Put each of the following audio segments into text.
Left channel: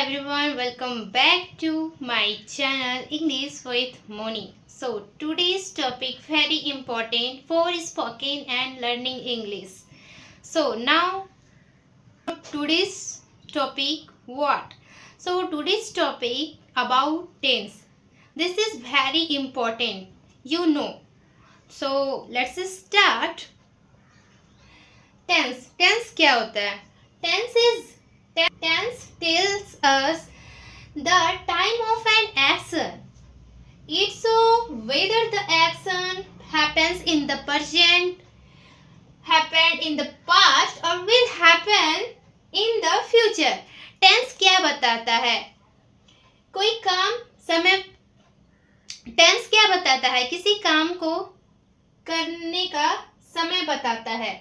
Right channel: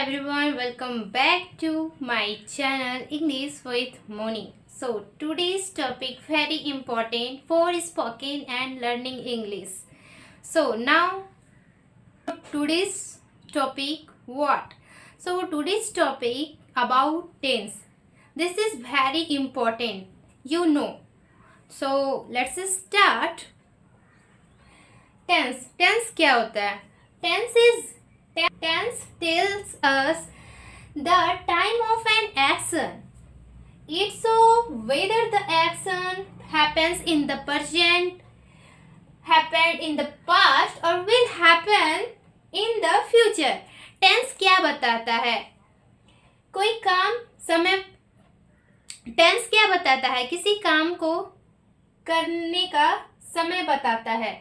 everyone, welcome back to my channel English with Moni. So today's topic very important for spoken and learning English. So now today's topic what? So today's topic about tense. This is very important, you know. So let's start. Tense क्या होता है? Tense tells us the time of an action. It shows whether the action happens in the present, happened in the past or will happen in the future. Tense क्या बताता है? कोई काम समय tense क्या बताता है? किसी काम को करने का समय बताता है.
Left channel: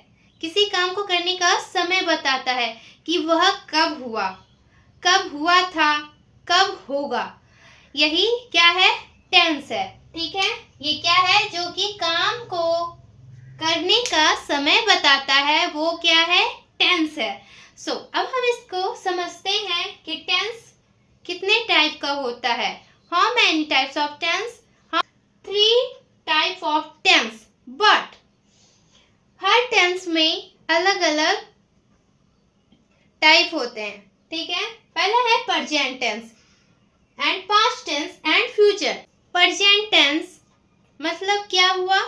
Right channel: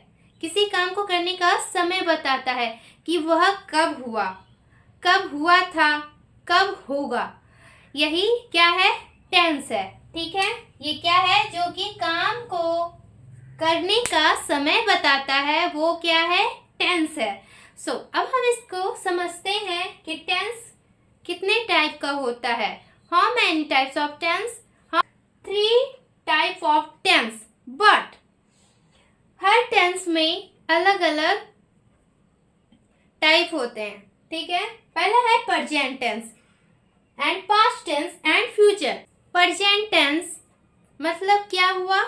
किसी काम को करने का समय बताता है कि वह कब हुआ था, कब होगा. यही क्या है? टेंस है. ठीक है, ये क्या है? जो कि काम को करने का समय बताता है, वो क्या है? टेंस है. सो अब हम इसको समझते हैं कि टेंस कितने टाइप का होता है. How many types of tense? 3 type of tense. But हर टेंस में अलग अलग टाइप होते हैं. ठीक है, पहला है present tense and past tense and future. Present tense मतलब क्या हुआ?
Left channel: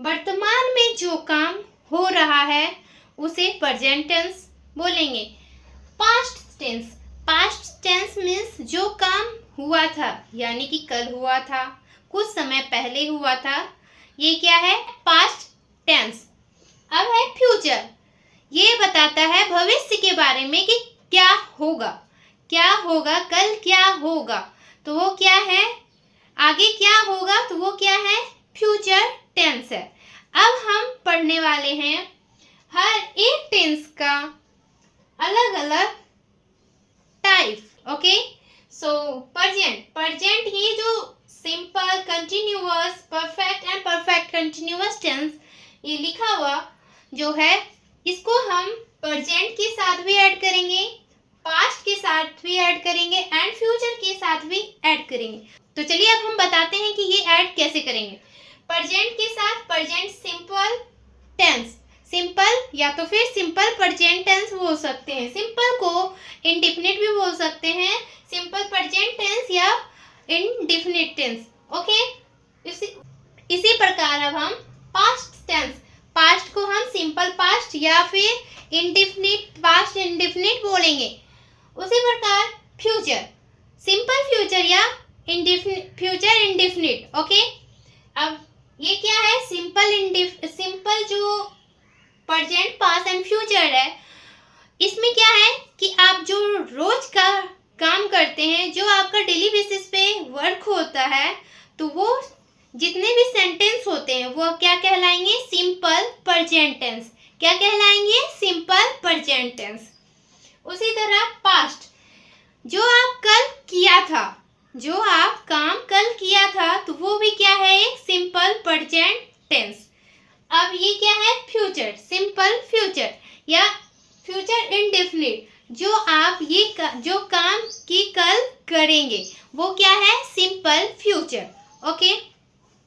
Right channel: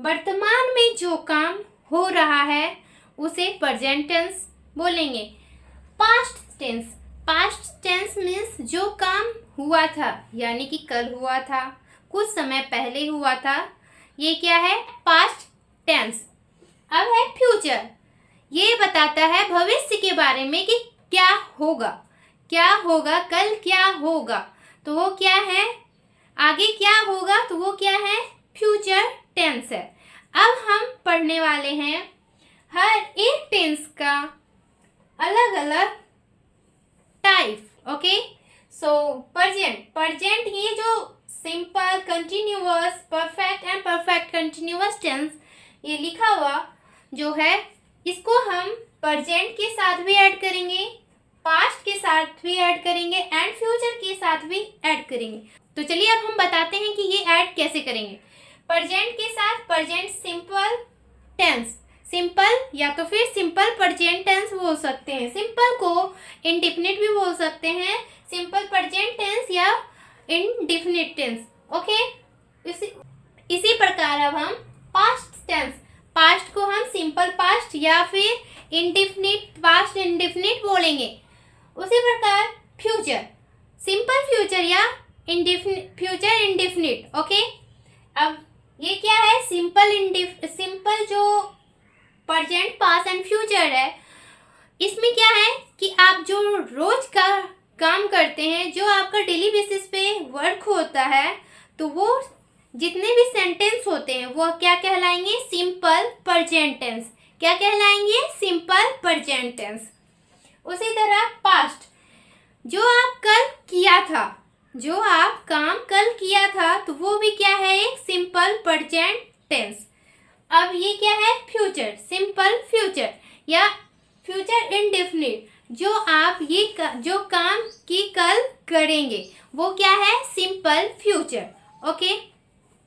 वर्तमान में जो काम हो रहा है उसे प्रेजेंट टेंस बोलेंगे. पास्ट टेंस मीन्स जो काम हुआ था, यानी कि कल हुआ था, कुछ समय पहले हुआ था, ये क्या है? Past tense. अब है फ्यूचर. ये बताता है भविष्य के बारे में कि क्या होगा, कल क्या होगा, तो वो क्या है? आगे क्या होगा, तो वो क्या है? फ्यूचर टेंस है. अब हम पढ़ने वाले हैं हर एक टेंस का अलग अलग टाइप. ओके, सो प्रेजेंट ही जो simple, continuous, perfect and perfect continuous tense ये लिखा हुआ जो है, इसको हम प्रेजेंट के साथ भी ऐड करेंगे, पास्ट के साथ भी ऐड करेंगे एंड फ्यूचर के साथ भी ऐड करेंगे. तो चलिए अब हम बताते हैं कि ये ऐड कैसे करेंगे. प्रेजेंट के साथ प्रेजेंट सिंपल टेंस, सिंपल या तो फिर सिंपल प्रेजेंट टेंस बोल सकते हैं. सिंपल को इंडेफिनिट भी बोल सकते हैं, सिंपल प्रेजेंट टेंस या इंडेफिनिट टेंस. ओके, इसी प्रकार अब हम पास्ट टेंस, पास्ट को हम सिंपल पास्ट या फिर इंडेफिनिट पास्ट इंडेफिनिट बोलेंगे. उसी प्रकार फ्यूचर, सिंपल फ्यूचर या फ्यूचर इंडेफिनिट. ओके, अब ये क्या है? सिंपल जो प्रेजेंट, पास्ट एंड फ्यूचर है, इसमें क्या है कि आप जो रोज का काम करते हैं, जो आपका डेली बेसिस पे वर्क होता है, तो वो जितने भी सेंटेंस होते हैं वो क्या कहलाएंगे? Simple present tense. क्या कहलाएंगे? Simple present tense. उसी तरह पास्ट, जो आप कल किया था, जो आप काम कल किया था, तो वो भी क्या है? एक सिंपल प्रेजेंट टेंस. अब ये क्या है? फ्यूचर, सिंपल फ्यूचर या फ्यूचर इंडेफिनिट, जो आप जो काम की कल करेंगे, वो क्या है? Simple future. ओके,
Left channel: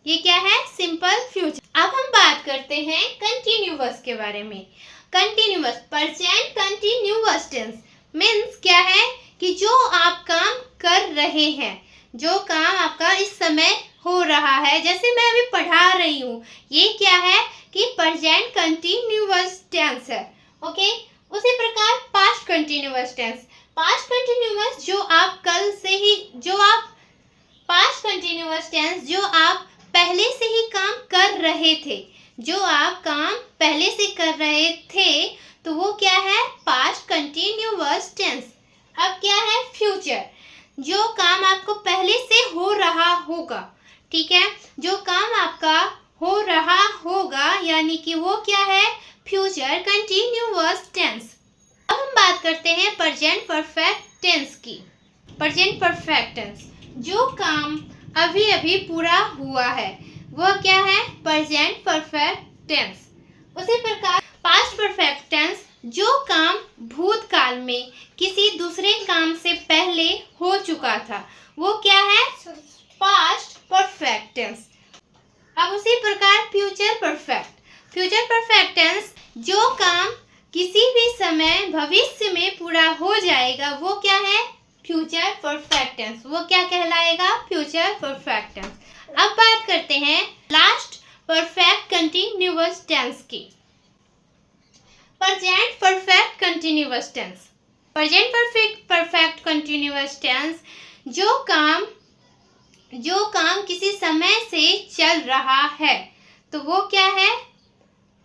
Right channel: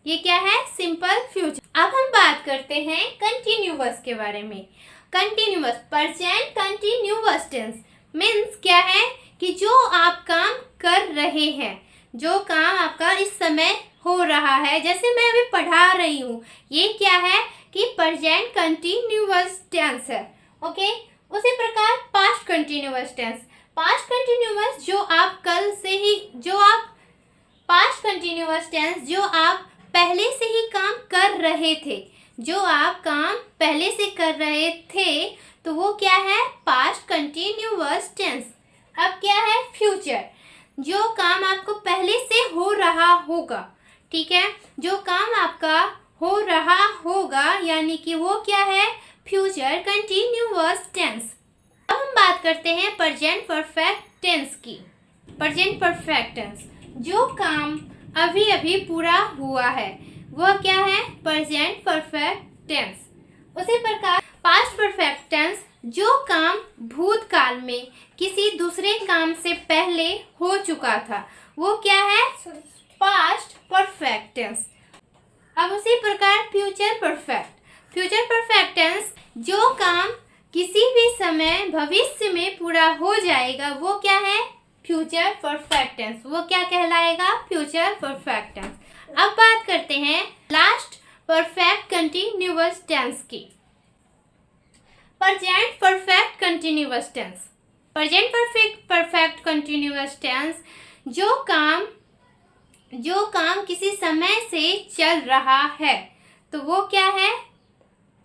ये क्या है? Simple future. अब हम बात करते हैं कंटिन्यूअस के बारे में. Continuous, present continuous tense means क्या है कि जो आप काम कर रहे हैं, जो काम आपका इस समय हो रहा है, जैसे मैं अभी पढ़ा रही हूँ, ये क्या है कि प्रेजेंट कंटिन्यूअस टेंस है. ओके, उसी प्रकार past continuous tense, past continuous जो आप कल से ही, जो आप पास्ट कंटिन्यूअस टेंस जो आप पहले से ही काम कर रहे थे, जो आप काम पहले से कर रहे थे, तो वो क्या है? Past continuous tense. अब क्या है? फ्यूचर, जो काम आपको पहले से हो रहा होगा. ठीक है, जो काम आपका हो रहा होगा, यानी कि वो क्या है? Future continuous tense. अब हम बात करते हैं प्रेजेंट परफेक्ट टेंस की. प्रेजेंट परफेक्ट टेंस, जो काम अभी अभी पूरा हुआ है, वह क्या है? Present perfect tense. उसी प्रकार पास्ट परफेक्ट टेंस, जो काम भूतकाल में किसी दूसरे काम से पहले हो चुका था वो क्या है? Past perfect tense. अब उसी प्रकार फ्यूचर परफेक्ट टेंस, जो काम किसी भी समय भविष्य में पूरा हो जाएगा वो क्या है? Future perfect tense. वो क्या कहलाएगा? Future perfect tense. अब बात करते हैं लास्ट परफेक्ट कंटिन्यूअस टेंस की। Present perfect continuous tense. Present perfect continuous tense, जो काम किसी समय से चल रहा है तो वो क्या है?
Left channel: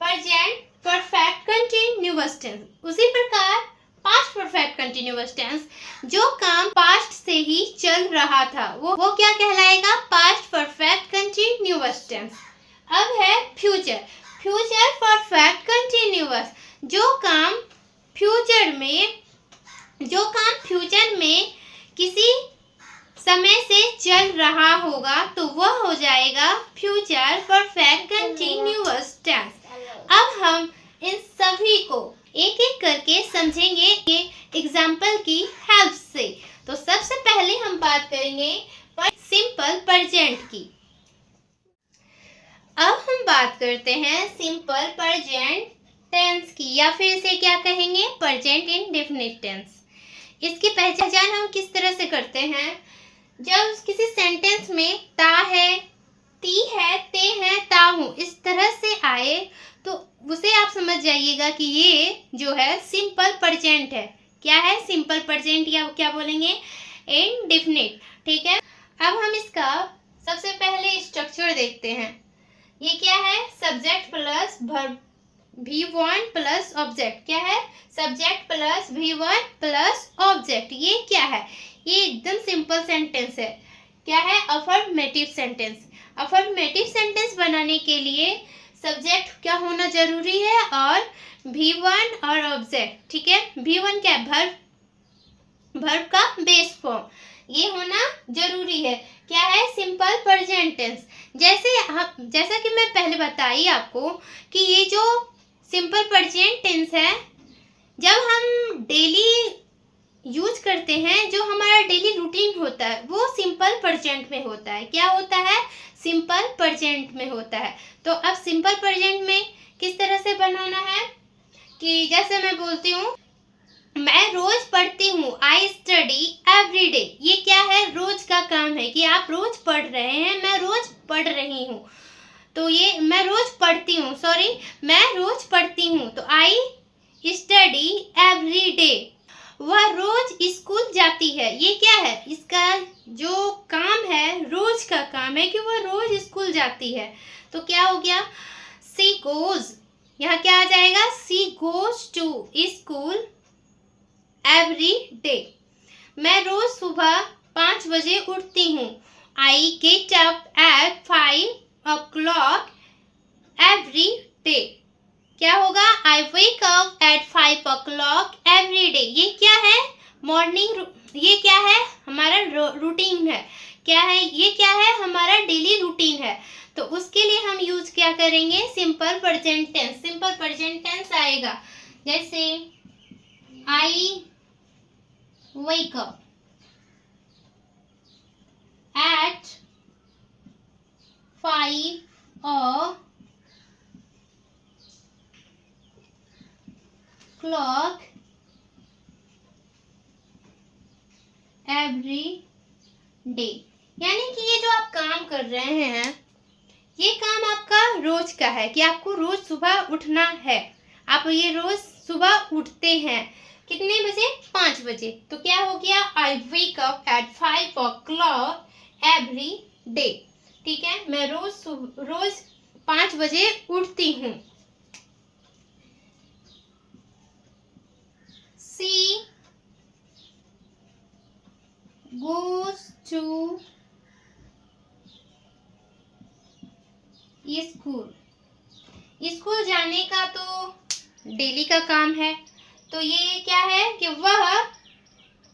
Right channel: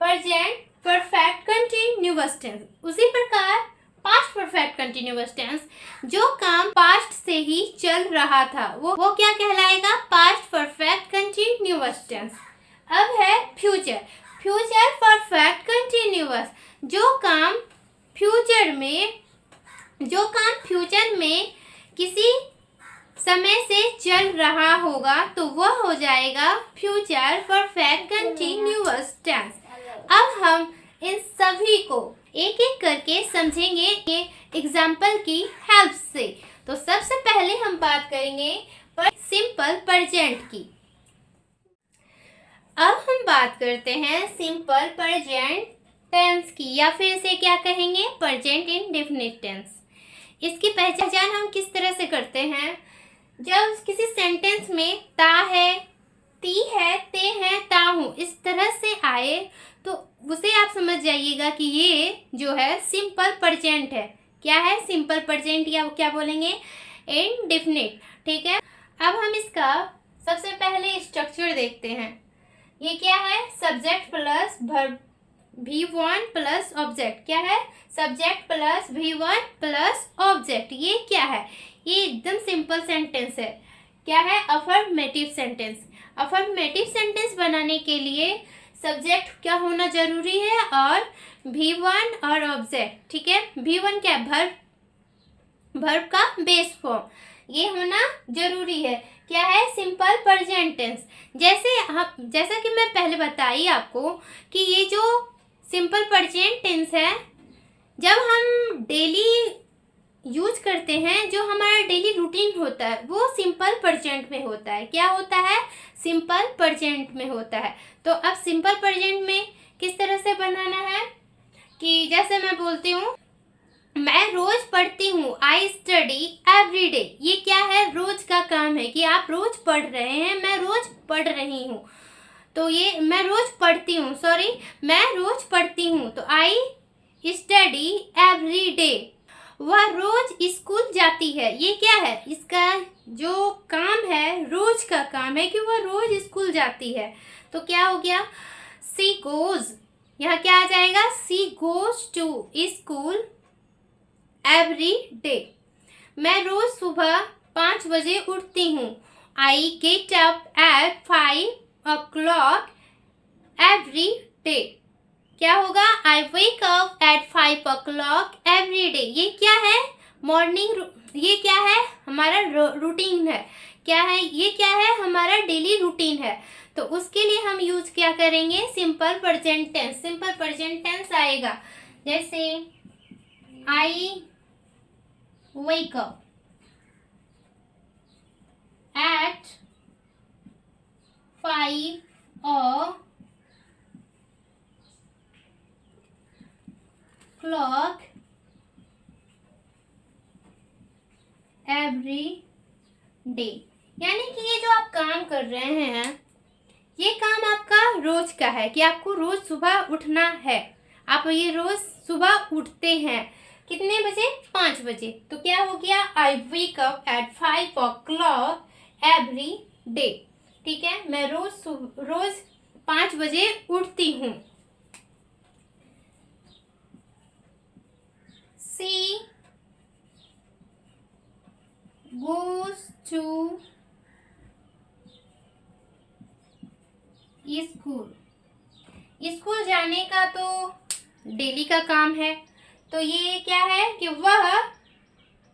Present perfect continuous tense. उसी प्रकार पास्ट परफेक्ट कंटिन्यूअस टेंस, जो काम पास्ट से ही चल रहा था वो क्या कहलाएगा? Past perfect continuous tense. अब है फ्यूचर परफेक्ट कंटिन्यूअस, जो काम फ्यूचर में किसी समय से चल रहा होगा तो वह हो जाएगा फ्यूचर परफेक्ट कंटिन्यूअस टेंस। अब हम इन सभी को एक एक करके समझेंगे ये एग्जाम्पल की हेल्प से। तो सबसे पहले हम बात करेंगे सिंपल प्रेजेंट की। अब हम बात करते हैं सिंपल प्रेजेंट टेंस की, या फिर इसे क्या कहेंगे? Present indefinite tense. इसकी पहचान हम किस तरह से करते हैं? जब किसी सेंटेंस में ता है, ती है, ते है, ता हूँ इस तरह से आए तो उसे आप समझ जाइएगा कि ये जो है सिंपल प्रेजेंट है। क्या है? सिंपल प्रेजेंट, या क्या बोलेंगे? इंडेफिनिट। ठीक है, अब हम इसका सबसे पहले स्ट्रक्चर देखते हैं। ये क्या है? Subject plus verb V1 plus object. क्या है? Subject plus V1 plus object. ये क्या है? ये एकदम सिंपल सेंटेंस है। क्या है? Affirmative sentence. अफर्मेटिव सेंटेंस बनाने के लिए सब्जेक्ट क्या होना जरूरी है और V1 और ऑब्जेक्ट। ठीक है, V1 क्या है? वर्ब का बेस फॉर्म, ये होना जरूरी है। क्या है? Simple present tense. जैसा कि मैं पहले बताई आपको कि ये जो सिंपल प्रेजेंट टेंस है, जब हम डेली यूज करते हैं, जो हमारा डेली रूटीन होता है वो सिंपल प्रेजेंट में होता है। क्या होता है? सिंपल प्रेजेंट में होता है। तो अब सिंपल प्रेजेंट में किस तरह से बनाना है कि जैसे मैं बोलती हूँ, मैं रोज पढ़ती हूँ, आई स्टडी एवरी डे। ये क्या है? रोज का काम है कि आप रोज पढ़ रहे हैं, मैं रोज पढ़ रही हूँ। तो ये मैं रोज पढ़ती हूँ, मैं रोज पढ़ती हूँ। तो आई स्टडी एवरी डे। वह रोज स्कूल जाती है। ये क्या है? इसका जो काम है, रोज का काम है कि वह रोज स्कूल जाती है। तो क्या हो गया? सी गोज, यहाँ क्या आ जाएगा? She goes to school every day. मैं रोज सुबह 5 बजे उठती हूँ। I get up at 5 o'clock every day. क्या होगा? I wake up at 5 o'clock every day. ये क्या है? मॉर्निंग। ये क्या है? हमारा रूटीन है। क्या है? ये क्या है? हमारा डेली रूटीन है। तो उसके लिए हम यूज क्या करेंगे? Simple present tense. Simple present tense आएगा जैसे आई wake up at 5 o'clock every day। यानी कि ये जो आप काम कर रहे हैं, ये काम आपका रोज का है कि आपको रोज सुबह उठना है। आप ये रोज सुबह उठते हैं कितने बजे? 5 बजे। तो क्या हो गया? I wake up at 5 o'clock every day. ठीक है, मैं रोज 5 बजे उठती हूँ। सी गोज टू स्कूल जाने का तो डेली का काम है। तो ये क्या है कि वह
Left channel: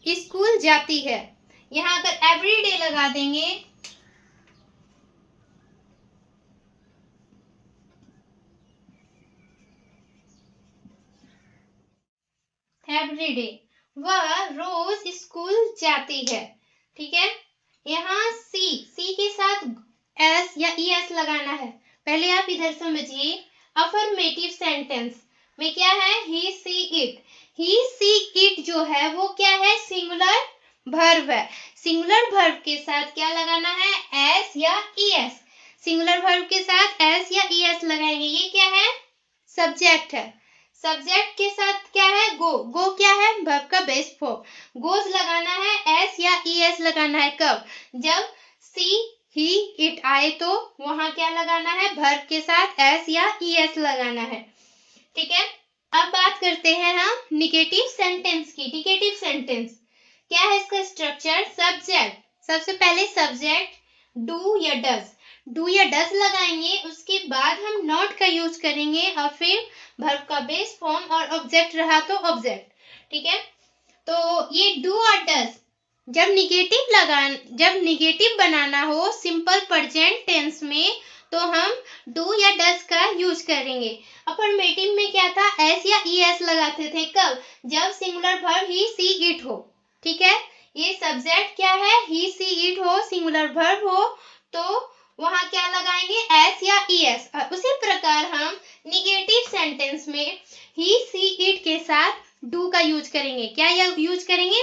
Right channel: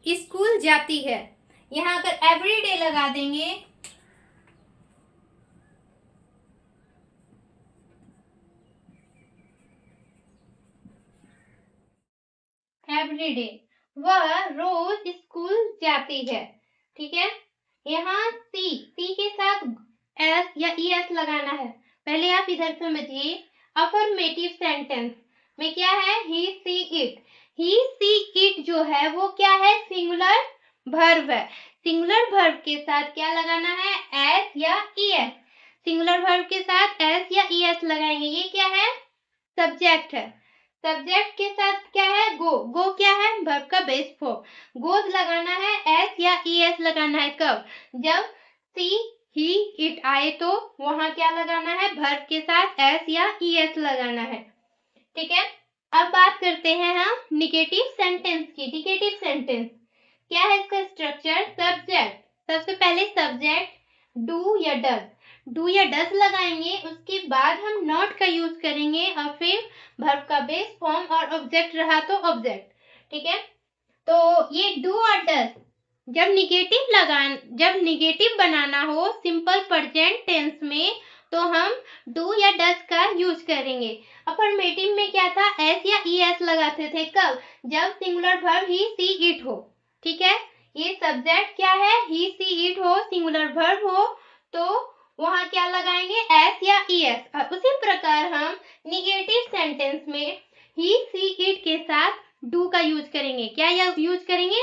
स्कूल जाती है। यहाँ अगर एवरी डे लगा देंगे एवरी डे, वह रोज स्कूल जाती है। ठीक है, यहाँ सी के साथ एस या ई एस लगाना है। पहले आप इधर समझिए, अफर्मेटिव सेंटेंस में क्या है, ही see it. He see it जो है वो क्या है, सिंगुलर वर्ब है। सिंगुलर वर्ब के साथ क्या लगाना है, एस या ई एस। सिंगुलर वर्ब के साथ एस या ई एस लगाएंगे। ये क्या है, सब्जेक्ट है। सब्जेक्ट के साथ क्या है, गो क्या है, वर्ब का बेस फॉर्म। गोज लगाना है, एस या ई एस लगाना है। कब, जब सी ही इट आए तो वहां क्या लगाना है, वर्ब के साथ एस या ई एस लगाना है। ठीक है, अब बात करते हैं हम निगेटिव सेंटेंस की। निगेटिव सेंटेंस क्या है, इसका स्ट्रक्चर, सब्जेक्ट, सबसे पहले सब्जेक्ट डू या डज, डू या डज लगाएंगे। उसके बाद हम नॉट का यूज करेंगे और फिर वर्ब का बेस फॉर्म और ऑब्जेक्ट रहा तो ऑब्जेक्ट। ठीक है, तो ये डू और डज जब निगेटिव बनाना हो सिंपल प्रेजेंट टेंस में तो हम डू या डज का यूज करेंगे। अफर्मेटिव में क्या था, एस या ई एस लगाते थे। कब, जब singular verb he see it हो। ठीक है, ये सब्जेक्ट क्या है, ही सी इट हो, सिंगुलर वर्ब हो तो वहां क्या लगाएंगे, एस या ई एस। और उसी प्रकार हम निगेटिव सेंटेंस में ही सी इट के साथ डू का यूज करेंगे। क्या यूज करेंगे,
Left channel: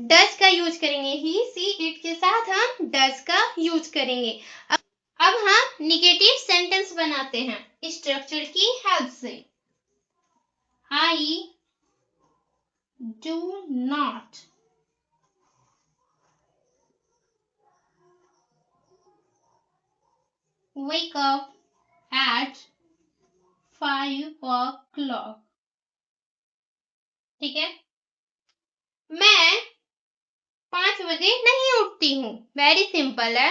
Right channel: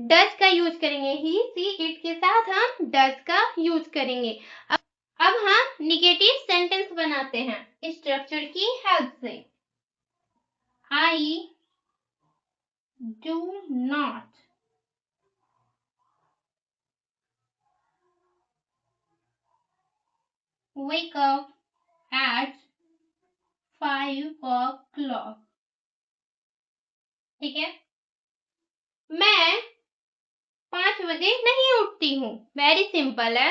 डज का यूज करेंगे। ही सी इट के साथ हम डज का यूज करेंगे। अब हम निगेटिव सेंटेंस बनाते हैं स्ट्रक्चर की हेल्प से। I do not wake up at 5 o'clock। ठीक है, मैं 5 बजे नहीं उठती हूँ। वेरी सिंपल है,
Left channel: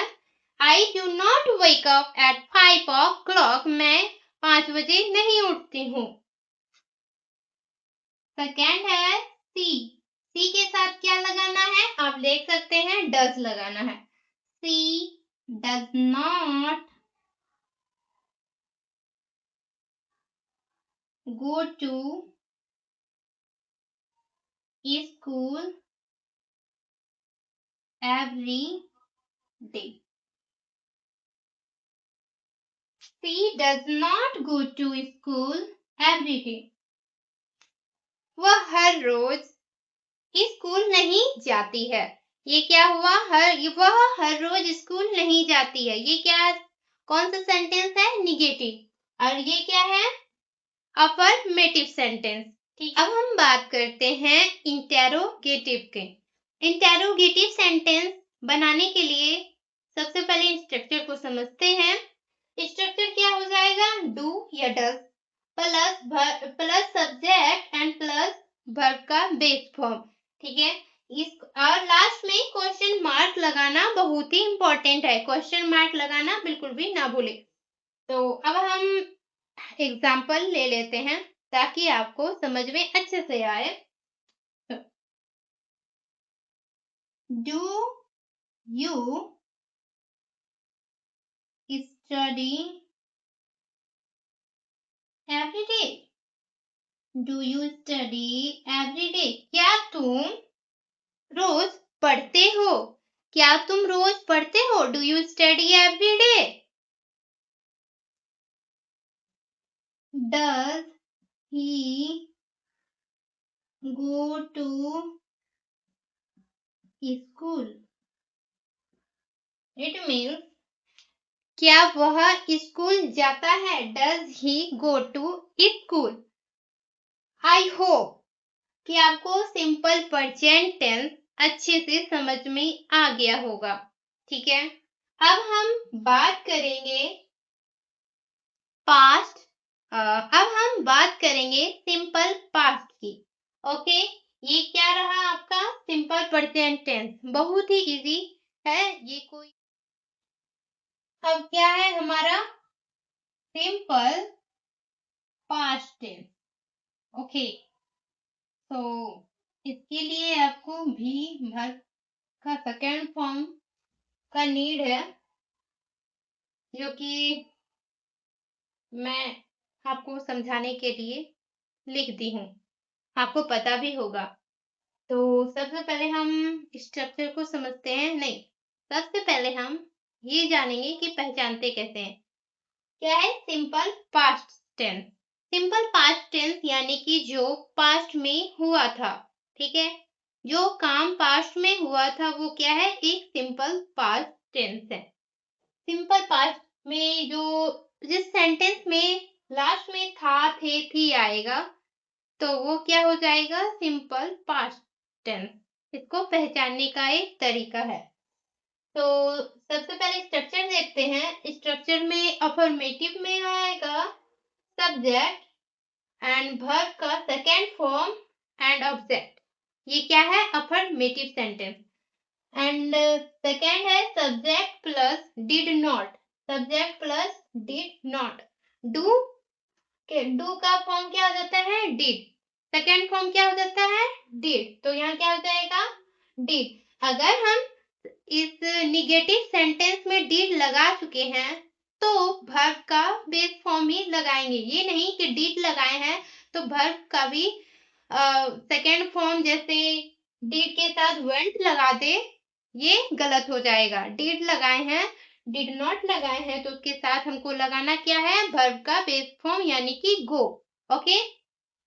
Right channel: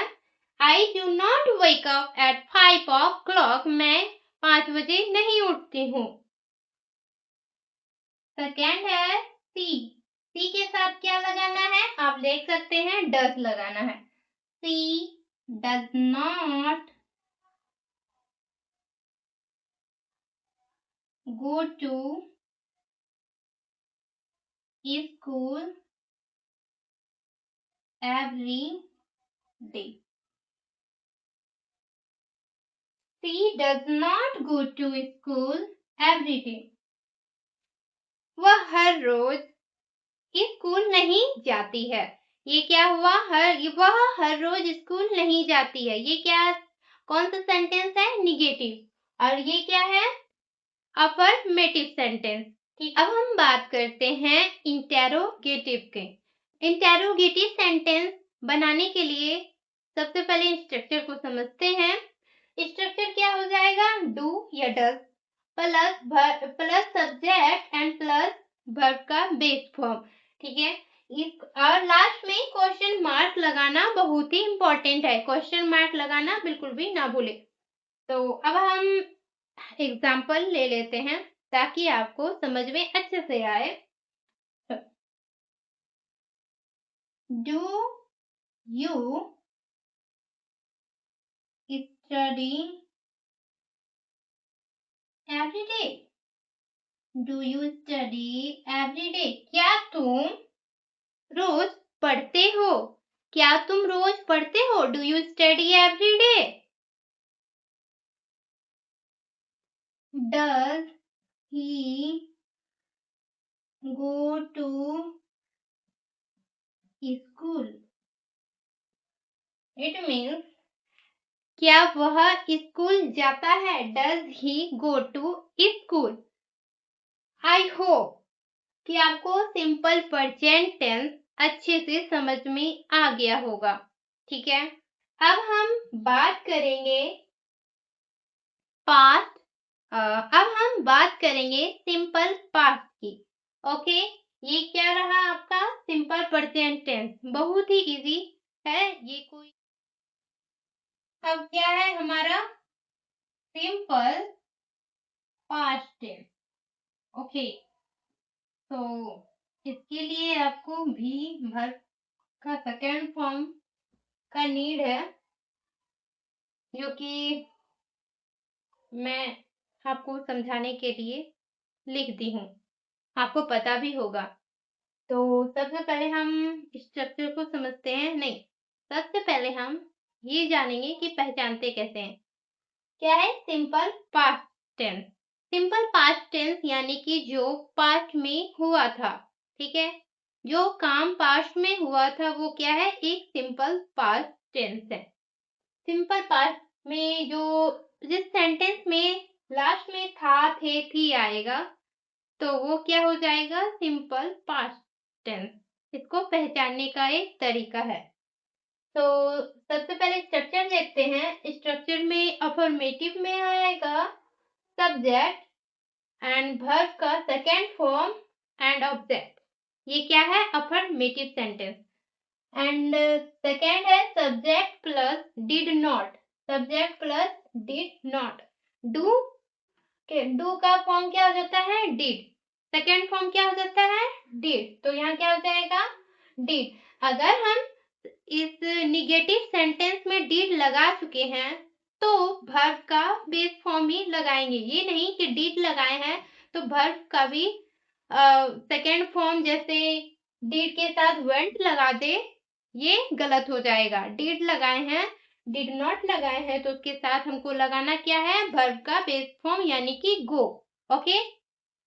I do not wake up at 5 o'clock। मैं 5 बजे नहीं उठती हूँ। सेकेंड है सी के साथ क्या लगाना है, आप देख सकते हैं, डज लगाना है। She does not go to school every day। She does not go to school every day। वह हर रोज स्कूल नहीं जाती है। ये क्या हुआ, वह हर रोज स्कूल नहीं जाती है। ये क्या, कौन सा सेंटेंस है, निगेटिव। और ये क्या है, अफर्मेटिव सेंटेंस। ठीक, अब हम बात करते हैं इंटेरोगेटिव के। इंटेरोगेटिव सेंटेंस बनाने के लिए सबसे पहले स्ट्रक्चर को समझते हैं। स्ट्रक्चर क्या हो जाएगा, डू या does plus subject and plus verb का बेस फॉर्म। ठीक है, इस और लास्ट में क्वेश्चन मार्क लगाना बहुत ही इंपॉर्टेंट है। क्वेश्चन मार्क लगाना बिल्कुल भी ना भूले। तो अब हम एग्जाम्पल ले लेते हैं ताकि आपको समझ में अच्छे से आए। Do you study every day. Do you study every day, क्या तुम रोज पढ़ते हो। क्या तुम रोज पढ़ते हो, do you study every day. Does he go to school. It means क्या वह स्कूल जाता है, does he go to school. I hope कि आपको सिंपल प्रेजेंट टेंस अच्छे से समझ में आ गया होगा। ठीक है, अब हम बात करेंगे पास्ट। अब हम बात करेंगे सिंपल पास्ट की। ओके, ये क्या रहा आपका सिंपल प्रेजेंट टेंस, बहुत ही इजी है ये। कोई अब क्या है हमारा सिंपल पास्ट टेंस। ओके, तो इसके लिए आपको भी वर्ब का सेकेंड फॉर्म का नीड है, जो कि मैं आपको समझाने के लिए लिख दी हूँ। आपको पता भी होगा। तो सबसे पहले हम स्ट्रक्चर को समझते हैं, नहीं, सबसे पहले हम ये जानेंगे कि पहचानते कैसे हैं। क्या है simple past tense? Simple past tense यानी कि जो पास्ट में हुआ था, ठीक है, जो काम पास्ट में हुआ था वो क्या है, एक सिंपल पास्ट टेंस है। सिंपल पास्ट में जो जिस सेंटेंस में लास्ट में था, थे, थी आएगा तो वो क्या हो जाएगा, सिंपल पास्ट टेंस। इसको पहचानने का एक तरीका है। तो सबसे पहले स्ट्रक्चर देखते हैं। स्ट्रक्चर में अफर्मेटिव में आएगा सब्जेक्ट एंड वर्ब का सेकेंड फॉर्म एंड ऑब्जेक्ट। ये क्या है, अफर्मेटिव सेंटेंस। एंड सेकेंड है subject plus did not. Subject plus did not. Do के डू का फॉर्म क्या हो जाता है, डिड। सेकेंड फॉर्म क्या हो जाता है, डिड। तो यहाँ क्या हो जाएगा, डिड। अगर हम इस निगेटिव सेंटेंस में डिड लगा चुके हैं तो वर्ब का बेस फॉर्म ही लगाएंगे। ये नहीं कि डिड लगाए हैं तो वर्ब का भी सेकेंड फॉर्म जैसे डिड के साथ वेंट लगा दे, ये गलत हो जाएगा। डिड लगाए हैं, डिड नॉट लगाए हैं तो उसके साथ हमको लगाना क्या है, वर्ब का बेस फॉर्म यानी कि गो। ओके।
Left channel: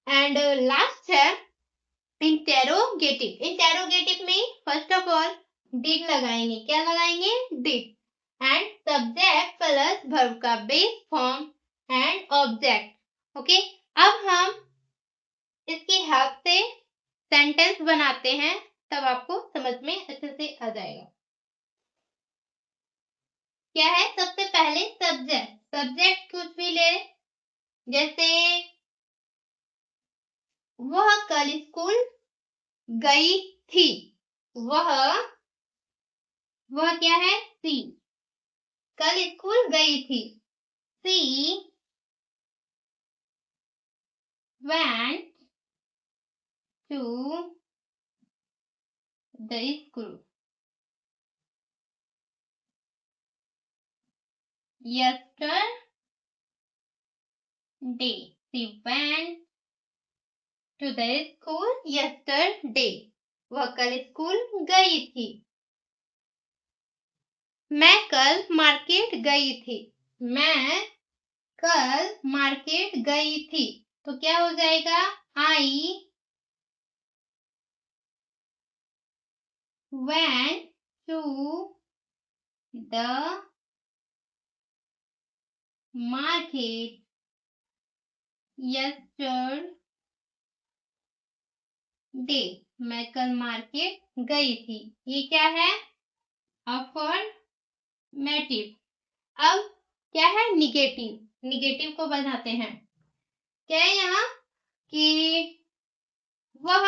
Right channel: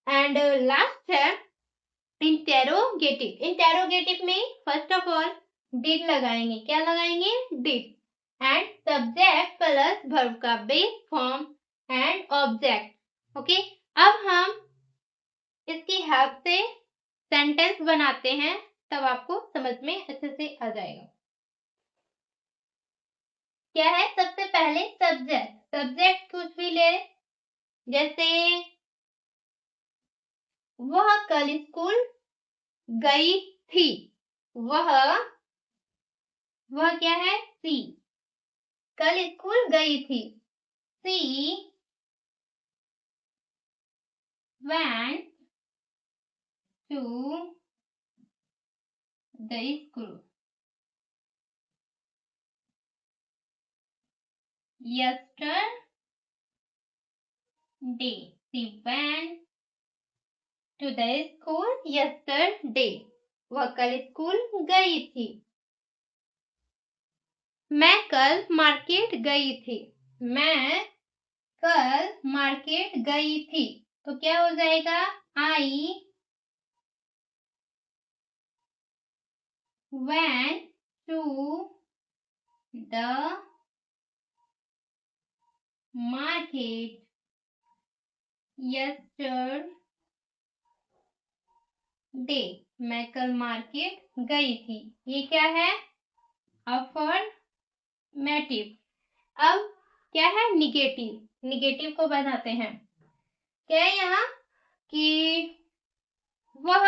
एंड लास्ट है इंटेरोगेटिव। इंटेरोगेटिव में फर्स्ट ऑफ ऑल डिड लगाएंगे। क्या लगाएंगे, did. And subject plus verb का base form and object. Okay. अब हम इसकी हेल्प से सेंटेंस बनाते हैं, तब आपको समझ में अच्छे से आ जाएगा। क्या है, सबसे पहले सब्जेक्ट। सब्जेक्ट कुछ भी ले, जैसे वह कल स्कूल गई थी। वह क्या है, सी। कल स्कूल गई थी। सी went to the school yesterday. She went to the school yesterday. वह कल स्कूल गई थी। मैं कल मार्केट गई थी। मैं कल मार्केट गई थी। तो क्या हो जाएगा, आई went to the market yesterday. मैं कल मार्केट गई थी। ये क्या है, अफर्मेटिव। अब क्या है, निगेटिव। निगेटिव को बताते हैं। क्या है यहाँ कि वह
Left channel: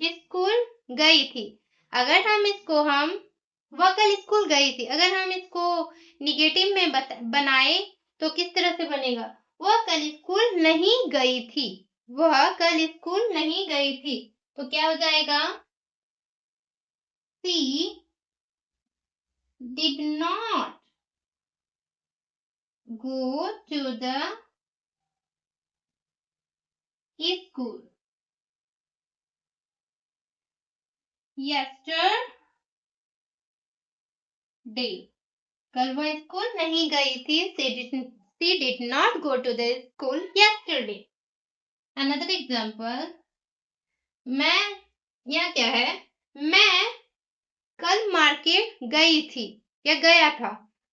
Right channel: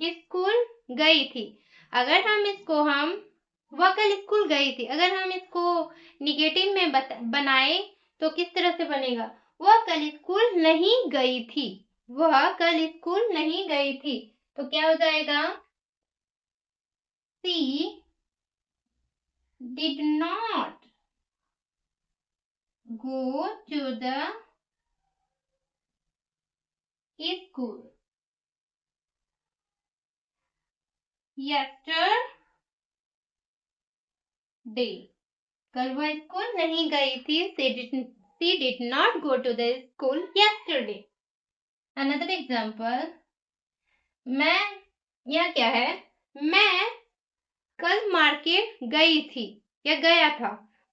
स्कूल गई थी। अगर हम इसको वह कल स्कूल गई थी, अगर हम इसको निगेटिव में बनाए तो किस तरह से बनेगा, वह कल स्कूल नहीं गई थी। वह कल स्कूल नहीं गई थी। तो क्या हो जाएगा, सी did not go to the school yesterday. कल वह स्कूल नहीं गई थी। She did not go to the school yesterday. Another example. मैं, यह क्या है, मैं कल मार्केट गई थी या गया था।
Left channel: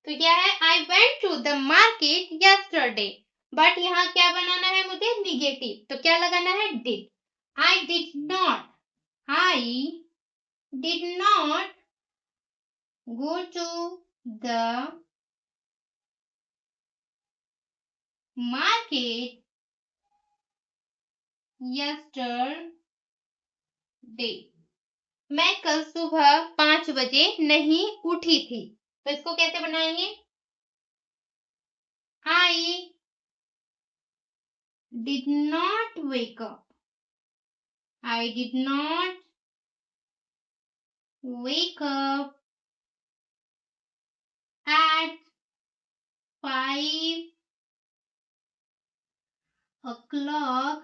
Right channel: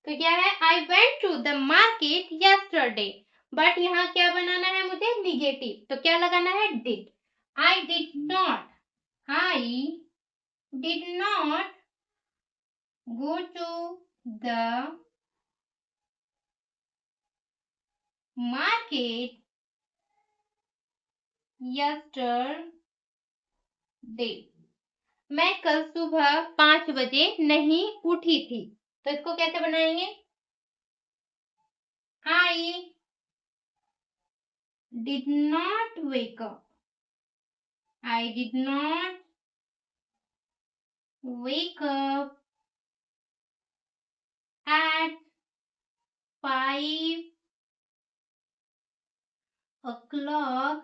तो क्या है, I went to the market yesterday. But यहाँ क्या बनाना है मुझे, निगेटिव। तो क्या लगाना है, did. I did not go to the market yesterday. मैं कल सुबह 5 बजे नहीं उठी थी। तो इसको कैसे बनाएंगे, I did not wake up. I did not wake up at 5 o'clock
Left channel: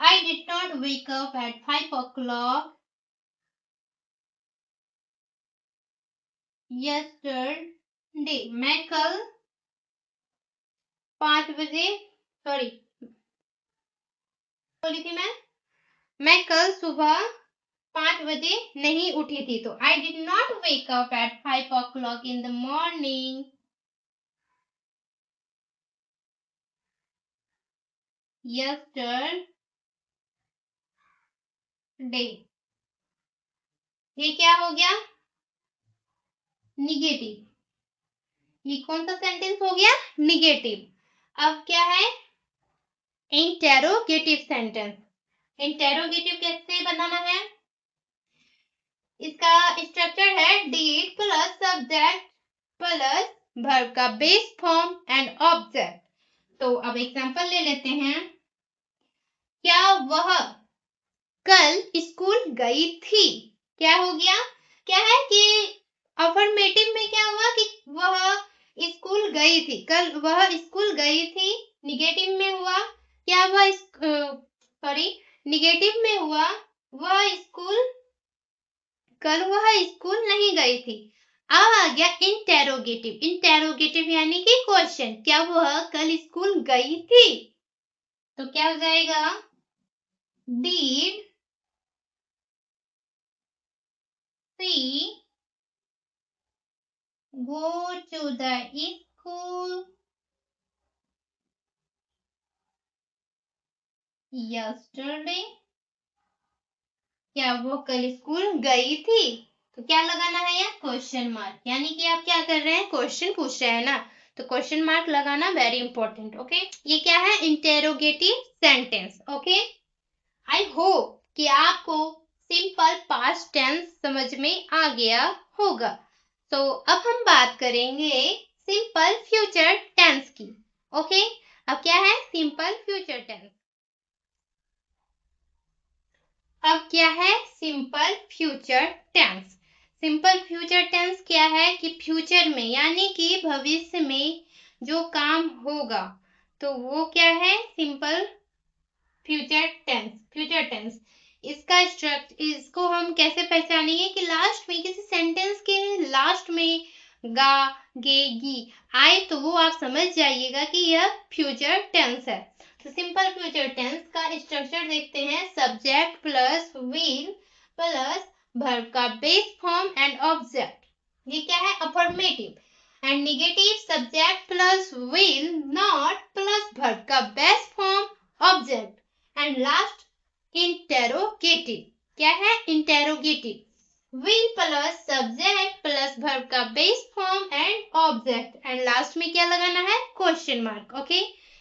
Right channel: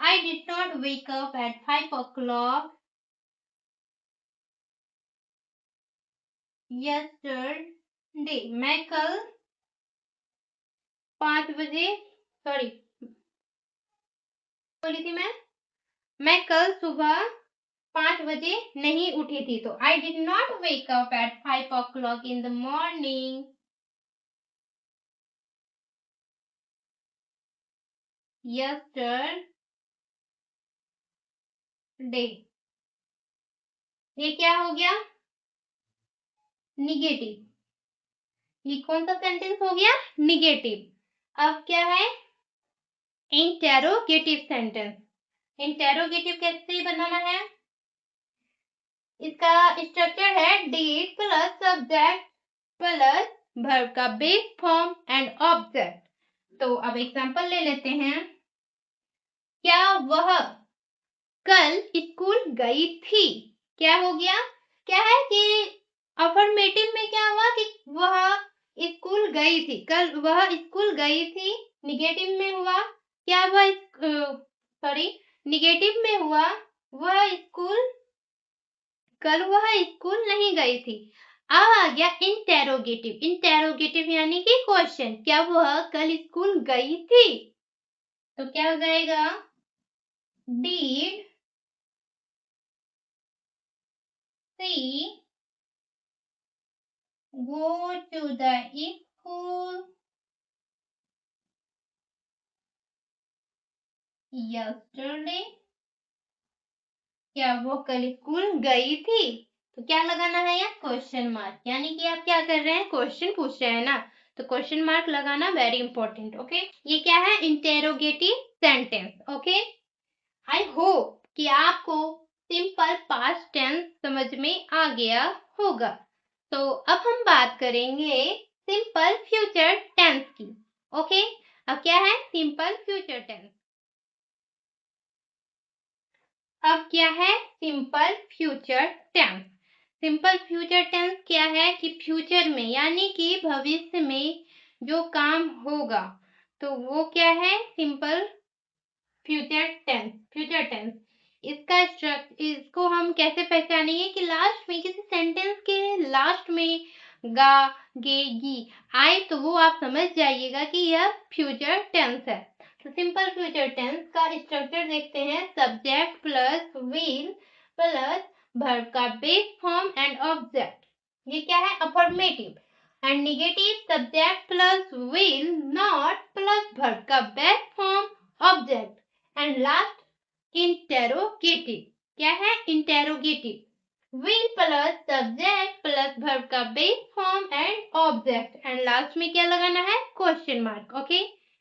I did not wake up at 5 o'clock yesterday. मैं कल 5 बजे सॉरी बोली थी मैं कल सुबह 5 बजे नहीं उठी थी। तो I did not wake up at 5 o'clock in the morning yesterday. ये क्या हो गया? निगेटिव। ये कौन सा सेंटेंस हो गया? निगेटिव। अब क्या है? Interrogative sentence. इंटेरोगेटिव कैसे बनाना है? इसका स्ट्रक्चर है did plus subject plus verb का बेस फॉर्म एंड ऑब्जेक्ट। तो अब एग्जांपल ले लेते हैं। क्या वह कल स्कूल गई थी? क्या हो गया? क्या है कि अफर्मेटिव में क्या हुआ कि वह स्कूल गई थी, कल वह स्कूल गई थी। निगेटिव में हुआ क्या? वह निगेटिव में हुआ कल वह स्कूल नहीं गई थी। अब आ गया इंटेरोगेटिव। इंटेरोगेटिव यानी कि क्वेश्चन। क्या वह कल स्कूल गई थी? तो क्या हो जाएगा? Did she go to the school yesterday? क्या वो कल स्कूल गई थी? तो क्या लगाना है यहाँ? Question mark. यानी कि आप क्या कर रहे हैं? क्वेश्चन पूछ रहे हैं ना, तो क्वेश्चन मार्क लगाना वेरी इंपॉर्टेंट। ओके, ये क्या है? Interrogative sentence. ओके, आई होप कि आपको सिंपल पास्ट टेंस समझ में आ गया होगा। तो अब हम बात करेंगे सिंपल फ्यूचर टेंस की। ओके, अब क्या है? Simple future tense. अब क्या है? Simple future tense. Simple future tense क्या है कि फ्यूचर में यानी कि भविष्य में जो काम होगा तो वो क्या है? Simple future tense. Future tense इसका स्ट्रक्चर, इसको हम कैसे पहचानेंगे कि लास्ट में किसी सेंटेंस के लास्ट में गा गे गी आए तो वो आप समझ जाइएगा कि यह फ्यूचर टेंस है। तो सिंपल फ्यूचर टेंस का स्ट्रक्चर देखते हैं। Subject plus will plus verb का बेस फॉर्म एंड ऑब्जेक्ट। ये क्या है? Affirmative. And negative subject plus will not plus verb का base form object and last interrogative. क्या है? Interrogative. will plus subject plus verb का base form and object and last में क्या लगाना है? Question mark. ओके,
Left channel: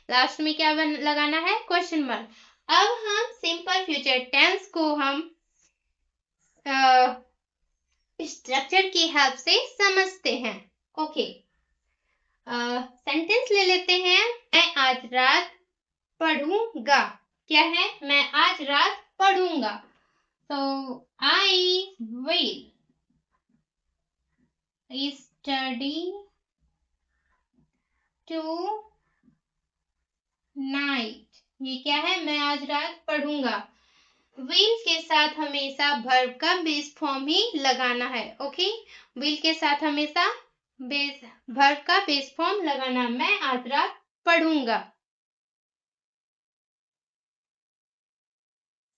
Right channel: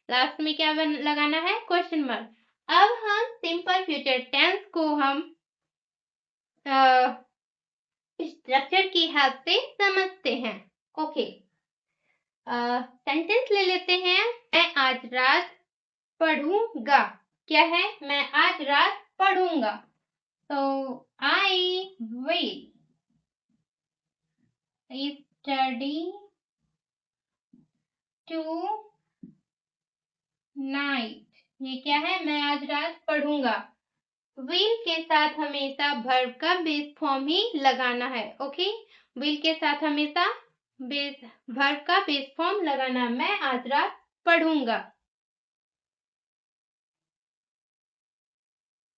लास्ट में क्या लगाना है? Question mark. अब हम सिंपल फ्यूचर टेंस को हम स्ट्रक्चर की हेल्प से समझते हैं। ओके, सेंटेंस ले लेते हैं। मैं आज रात पढ़ूंगा। क्या है? मैं आज रात पढ़ूंगा। तो I will study tonight. ये क्या है? मैं आज रात पढ़ूंगा। विल के साथ हमेशा वर्ब का बेस फॉर्म ही लगाना है। ओके, विल के साथ हमेशा वर्ब का बेस फॉर्म लगाना। मैं आज रात पढ़ूंगा।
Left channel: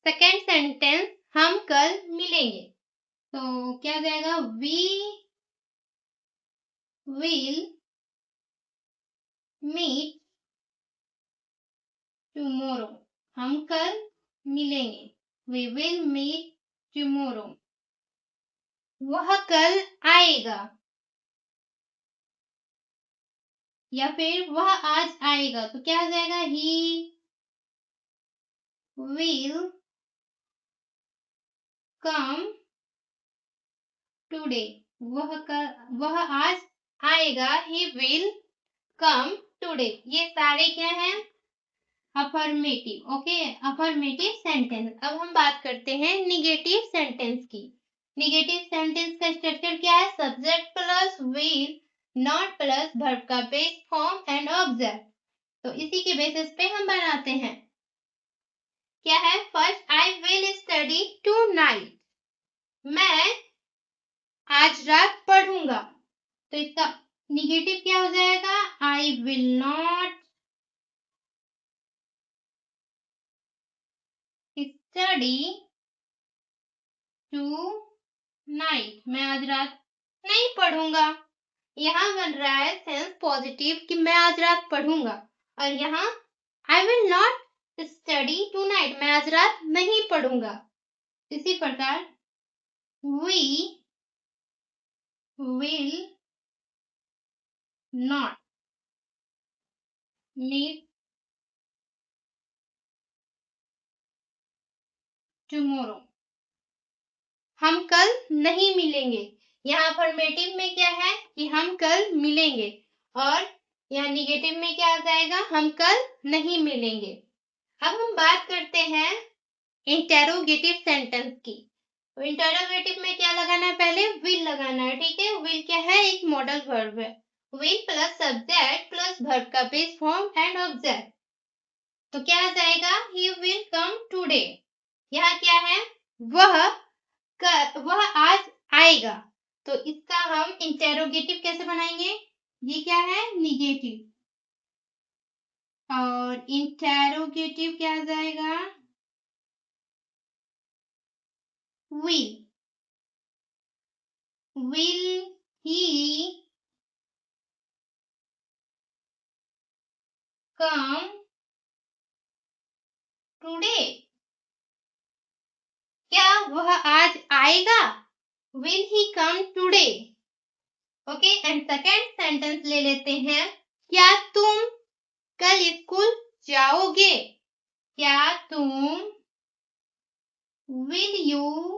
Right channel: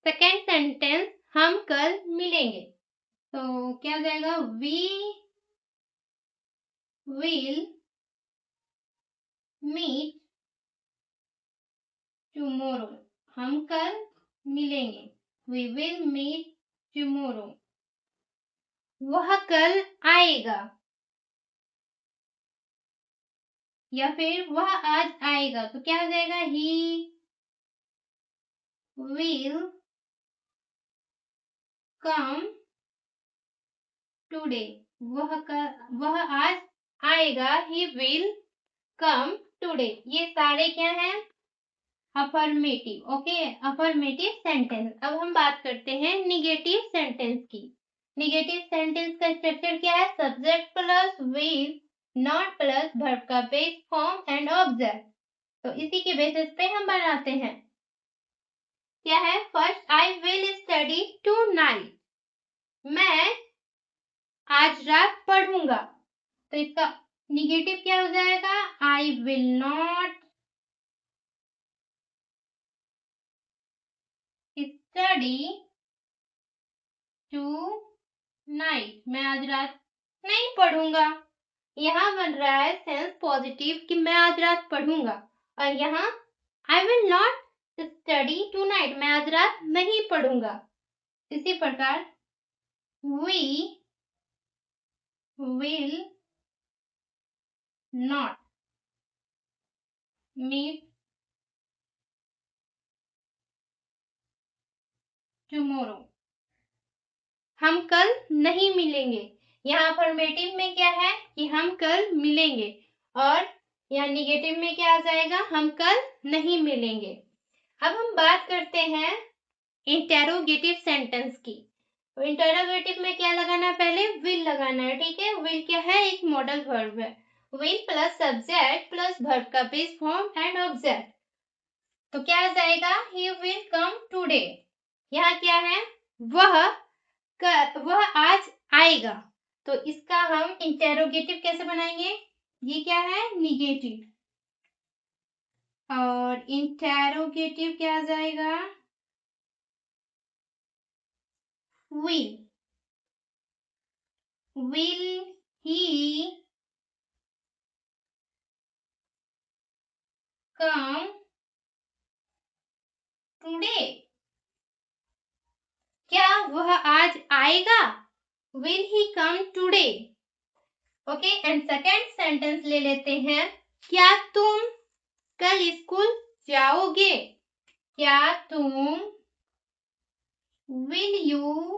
सेकेंड सेंटेंस, हम कल मिलेंगे। तो क्या हो जाएगा? We will meet tomorrow. हम कल मिलेंगे। We will meet tomorrow. वह कल आएगा या फिर वह आज आएगा। तो क्या हो जाएगा? He will come today. वह आज आएगा। He will come today. ये सारे क्या हैं? अफर्मेटिव। Okay, affirmative sentence. अब हम बात करते हैं निगेटिव सेंटेंस की। निगेटिव सेंटेंस का स्ट्रक्चर क्या है? Subject plus will not plus verb का बेस फॉर्म एंड ऑब्जेक्ट। तो इसी के बेसिस पे हम बनाते हैं। क्या है? First I will study tonight, मैं आज रात पढ़ूंगा। तो इसका निगेटिव क्या हो जाएगा? आई विल नॉट स्टडी टुनाइट, मैं आज रात नहीं पढ़ूंगा। यहाँ बन रहा है सेंस पॉजिटिव कि मैं आज रात पढ़ूंगा, और यहाँ I will not study tonight, मैं आज रात नहीं पढ़ूंगा। इसी प्रकार we will not meet tomorrow, हम कल नहीं मिलेंगे। यहाँ अफर्मेटिव में क्या है कि हम कल मिलेंगे, और यहाँ निगेटिव में क्या आ जाएगा? हम कल नहीं मिलेंगे। अब हम बात करते हैं इंटेरोगेटिव सेंटेंस की। इंटेरोगेटिव में क्या लगाना है? पहले विल लगाना है, ठीक है। विल क्या है? एक मॉडल वर्ब है। Will plus subject plus verb का बेस फॉर्म एंड ऑब्जेक्ट, तो क्या आ जाएगा? He will come today. यहाँ क्या है? वह आज आएगा। तो इसका हम इंटेरोगेटिव कैसे बनाएंगे? ये क्या है? निगेटिव, और इंटेरोगेटिव क्या आ जाएगा? विल ही कम टुडे, क्या वह आज आएगा? Will he come today. Okay, and second sentence ले लेते हैं। क्या तुम कल स्कूल जाओगे? क्या तुम, will you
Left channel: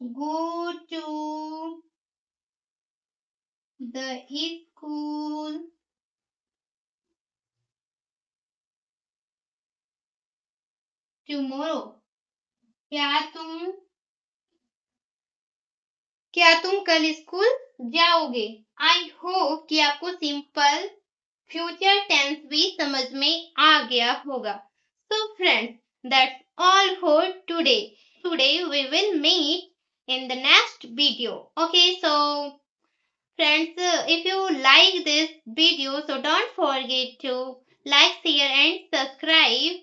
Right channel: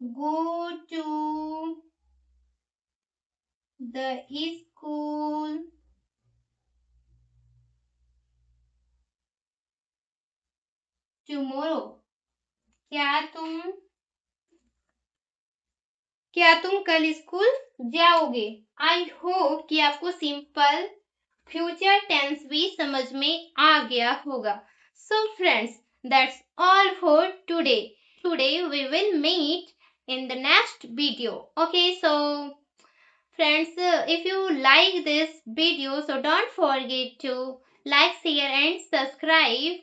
go to the school tomorrow? क्या तुम कल स्कूल जाओगे? आई होप कि आपको सिंपल फ्यूचर टेंस भी समझ में आ गया होगा। So friends, that's all for today. We will meet in the next video. Okay, so friends, if you like this video, so don't forget to like, share and subscribe